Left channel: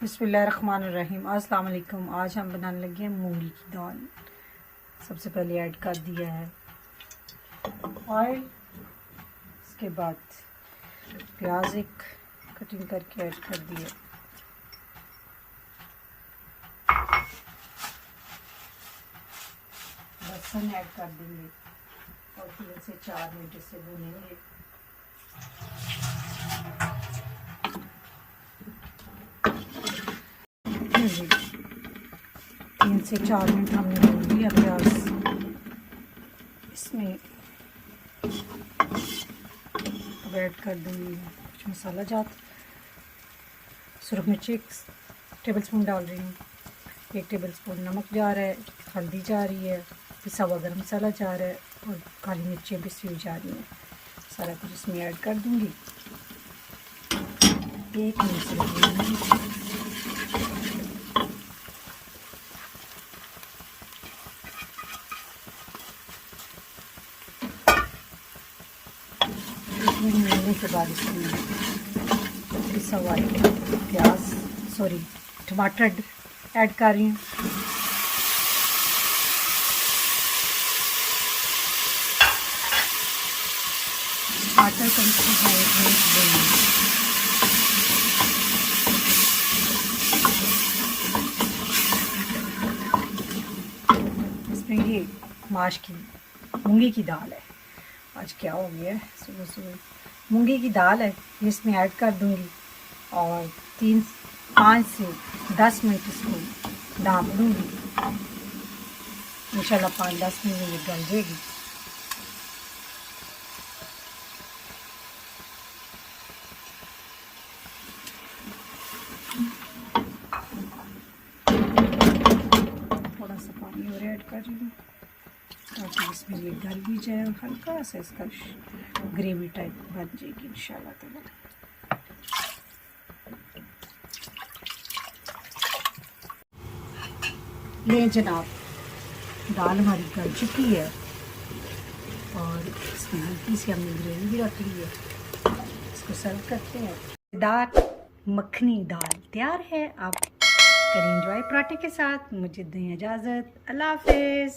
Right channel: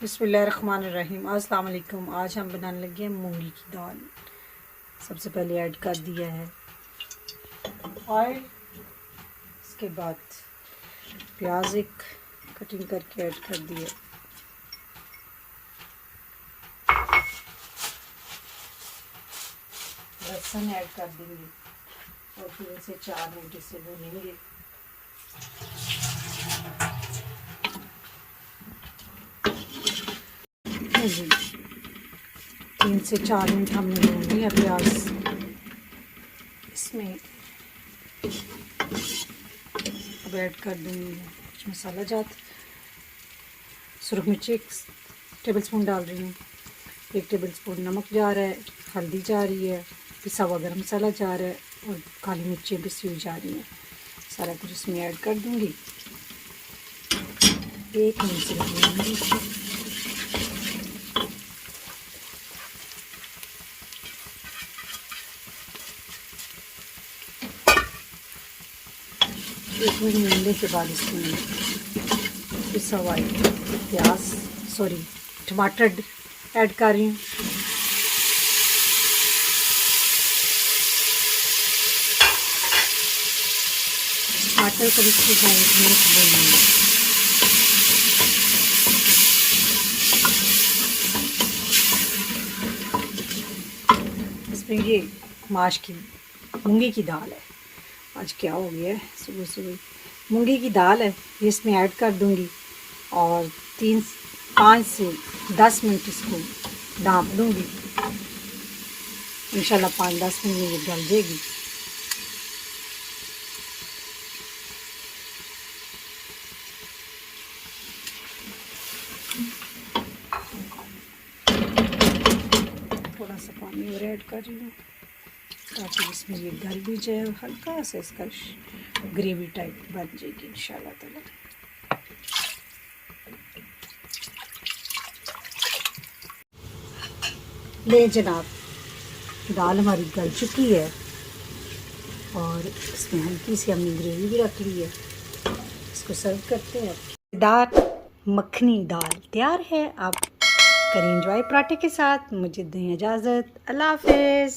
बिस्मिल्लाहिर्रहमानिर्रहीम। अस्सलाम वालेकुम। आज हम बनाने लगे हैं मूंगी की दाल। सबसे पहले ऐड कर दिया है ऑयल, इसके बाद प्याज एक कटिंग करके ऐड कर दिए, लहसुन ऐड कर देंगे और फिर इसे 4 मिनट से भूनेंगे। जी 3 से 4 मिनट हमने भून लिया प्याज। इसमें अब ऐड कर दूँगी कुछ मसाला जात। सुरख मिर्ची 1 टेबल स्पून डाल रही हूँ, 1 टेबल स्पून नमक जा रहा है, हल्दी जा रही है, पिसा हुआ गरम मसाला जा रहा है और काली मिर्ची पिसी हुई जा रही है। सारा कुछ इसमें ऐड कर दूँगी। 1 मिनट से मिलने के बाद इसमें पिसा हुआ टमाटर ऐड कर रही हूँ। टमाटर को इसमें ये मूंगी की दाल है। आज क्या हो गया है, सुबह सुबह मूंगी की दाल है, ये इसमें ऐड कर दूंगी और 5 से 10 मिनट इसको ढाँप दूंगी। इंशाल्लाह 5-10 मिनट में ये गल जाएगी। थोड़ा सा पानी और ऐड कर लूँ ताकि इसमें ये गल भी जाए और हल्का सा इसका ग्रेवी टाइप बन जाएगी इंशाल्लाह ताला। ये जनाब दाल हमारी गल चुकी है और इसमें हल्की सी हमने ग्रेवी भी रख ली है। इसको सर्व करते हैं। दाल मखनी दाल तैयार है। आप करें एंजॉय पराठे के साथ। मुझे दें इजाज़त। अल्लाह हाफ़िज़।